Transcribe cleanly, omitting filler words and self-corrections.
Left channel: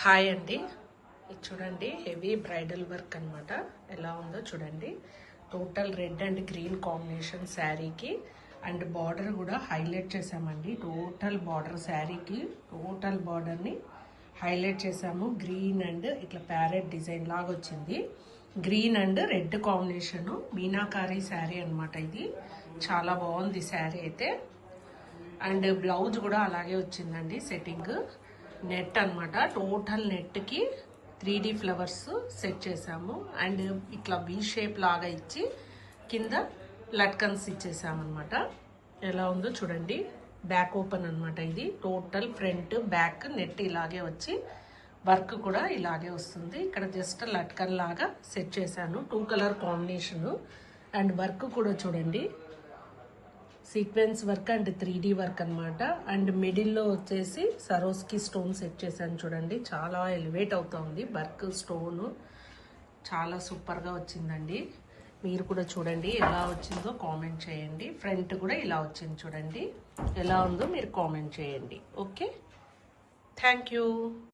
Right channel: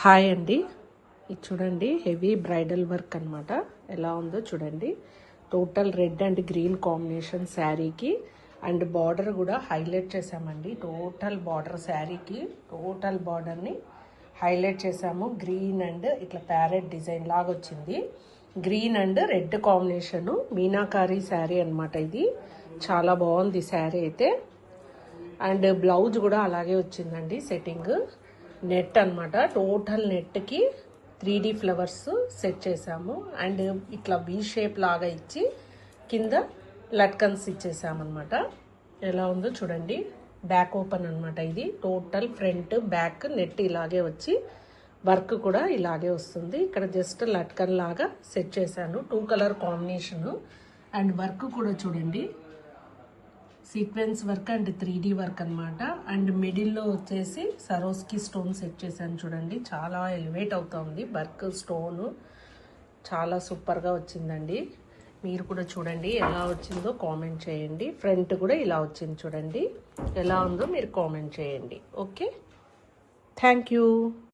Hi అండి, ఇది చూడండి హెవీ బ్రైడల్ వర్క్ అనమాట. ఎలా ఉందో చూడండి. Total red and green combination శారీకి అండ్ బార్డర్ కూడా హైలైట్ చేసామండి. టోటల్ బార్డర్ శారీకి టోటల్ బార్డర్ని హైలైట్ చేసాము. గ్రీన్ అండ్ ఇట్లా ప్యారెట్ డిజైన్ లాగా వచ్చింది. Green and red combination meenakari sari అనమాట. ఇది చాలా బాగుంది శారీ అయితే. అండ్ బ్లౌజ్ కూడా అలాగే వచ్చిందండి. సెట్టింగ్ నెట్ అనమాట. టోటల్ నెట్కి 3D ఫ్లవర్స్ సెట్ చేసాము. అండ్ ఇట్లా వీ షేప్ లాగా ఇచ్చి కింద లట్కన్స్ ఇచ్చేసామన్నమాట. ఎలా ఉందో చూడండి. బ్యాక్ ఓపెన్ అనమాట. ఇది టోటల్ ఫ్రంట్ బ్యాక్ నెట్ ఇలాగే వచ్చి వర్క్ కూడా ఇలాగే వస్తుంది. ఇక్కడ జస్ట్ లట్కన్ లాగా సెట్ చేశాను. 2 కలర్ కాంబినేషను. అండ్ వర్క్ కూడా చూడండి, sequence work and 3D work అనమాట. అండ్ మిడిల్లో వచ్చేసి సరోస్కి స్టోన్ సెట్ చేశాను చూడండి. చాలా ఎలివేట్ అవుతుంది వర్క్. స్టోన్ చాలా సూపర్గా వచ్చిందండి. మీరు కూడా చూడండి ఎలా వచ్చిందో కామెంట్ చేయండి. ఫ్రంట్ కూడా ఇలా వచ్చింది చూడండి. ఎలా ఉందో మీరు కామెంట్ చేయండి. Okay, thank you.